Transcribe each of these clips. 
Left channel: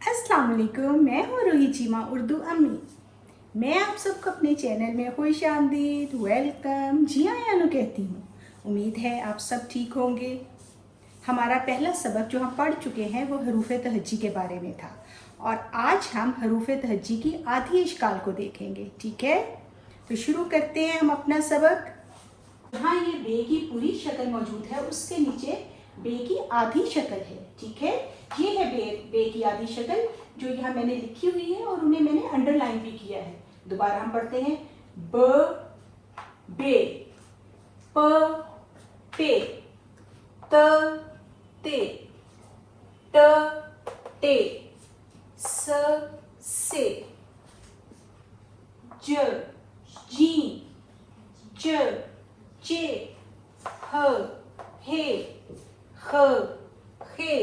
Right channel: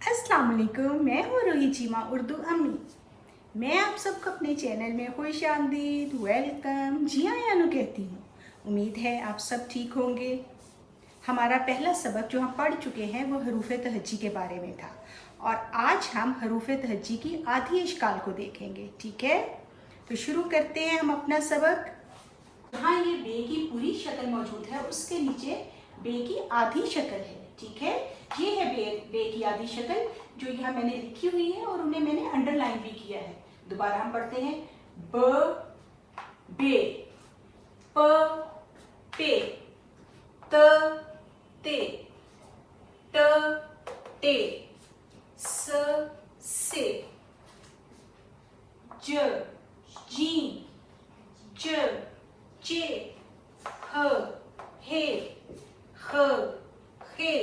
अस्सलाम वालेकुम, मैं हूँ रूही चीमा उर्दू अम्मी। मैं आप सबको अपने चैनल में खुश आमदीद, वेलकम, जी आयानु कहती हूँ। उम्मीद है आप सब ठीक होंगे। हमारा पहला सबक जो हम पढ़ चुके हैं वो हरूफ तहज्जी के बारे में था और आज हम हरूफ तहज्जी की आधी इश्काल को देखेंगे। ठीक है, तो शुरू करते हैं हम अपना सबक। जहाँ ये बे की पूरी शक्ल मौजूद है उसके नीचे बे की आधी शक्ल है। ठीक है, ये है बे की आधी शक्ल जो यहाँ मैंने लिखी हुई है और उन्हें मैंने अंडरलाइन भी किया है। दोबारा हम पढ़ते हैं ब बे, प पे, त ते, ट टे, स से, ज जी, ज जे, ह हे, ख खे,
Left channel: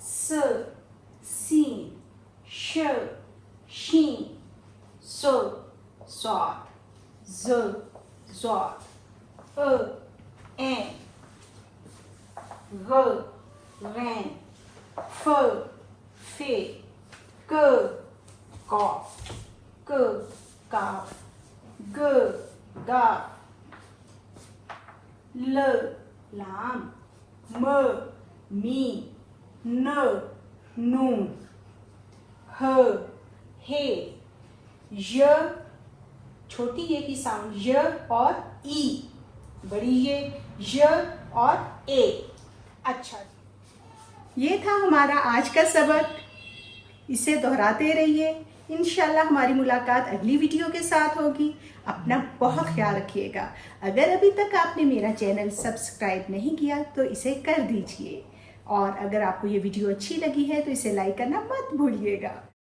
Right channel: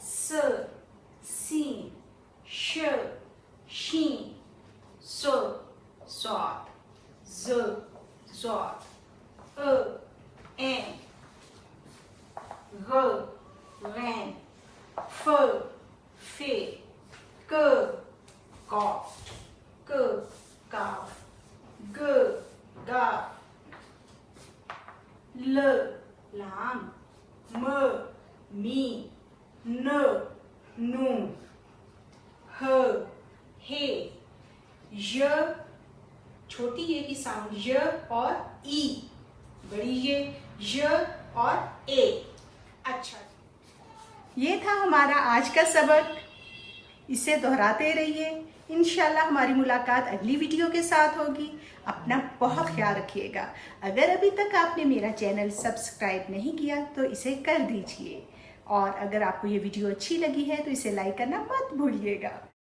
स सी, श शी, सो स्वाद, ज ज़ॉद, ए ग रैन, फ फे, क कॉफ, क काफ, ग गाफ, ल लाम, म मी, न नून, ह हे, य छोटी ये की साउंड य और ई, बड़ी ये और ए। अच्छा, ये था हमारा आज का सबक। इसे दोहराते रहिए। इंशाल्लाह हमारी मुलाकात अगली वीडियो के साथ होगी। अपना बहुत ख्याल रखिएगा। अगर अभी तक आपने मेरा चैनल सब्सक्राइब नहीं किया तो इसे कर दीजिए और अगर आपको ये वीडियो अच्छी लगी है तो इसे लाइक करना मत भूलिएगा।